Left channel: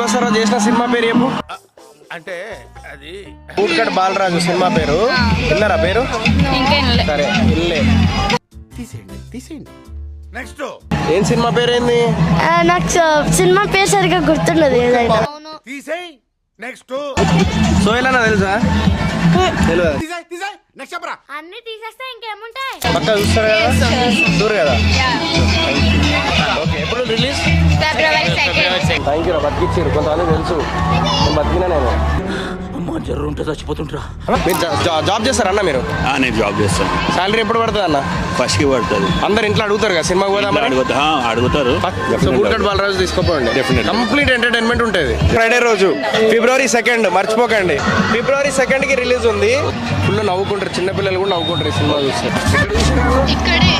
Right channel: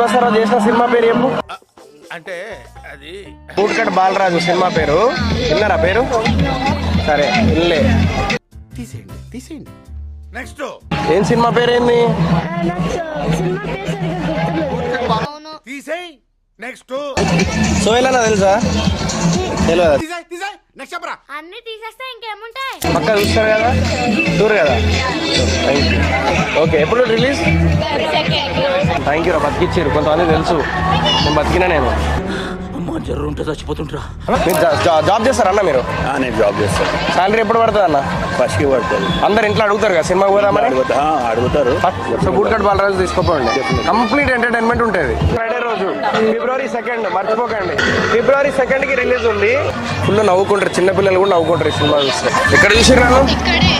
Boss తర్వాత చేసిన cinema పేరు చెప్పు. అంటే అది బూట్కట్ బాలరాజు సినిమా పేరు విన్నారా పేరు? సరే ఇల్లే. తీసేయండి నెక్స్ట్. ఏం సినిమా పేరు ఏంది? నాకు సినిమా పేరు సరిగ్గా గుర్తుండదు. తీసేయ్ నెక్స్ట్. సోయనా తెలుసా? తెలియదు. తీసేయ్ నెక్స్ట్ చెప్పరా. అన్ని తీసేస్తే ఇంకేముంటాయి? పక్క చూస్తారు కదా, చూరు కదా. ఓకే, ఎప్పుడు రిలీజ్? థ్యాంక్ యూ రా, బతికిచ్చారు. కొంతమంది తెలుసు, నేను బతికినా. నేను అమ్మ జర్రు ఉంటే చచ్చిపోతుంటరా. మీరు జాబ్ చేస్తారా అన్న? మీరు నేను జాబ్ చేస్తాను. శాలరీ ఎప్పుడు పడుతుంది అన్న? ఫస్ట్కి పడుతుంది. అందరు ఇంట్లో అడుగుతారు కదా సినిమాకి పోదామని. అడుగుతారు. సో బూట్కట్ బాలరాజు తీసుకోపోండి, కంప్లీట్ ఎంటర్టైన్మెంట్ ఉంటుంది. ఫ్రైడే రోజు February 2nd మర్చిపోకండి. February 2nd రిలీజ్ ఉంది. ఫుల్ నవ్వుకుంటారు, చిన్నపిల్లలు కూడా నవ్వుకుంటారు ఈ సినిమా చూస్తే. ఎక్కడ చూసారు? ఇక్కడే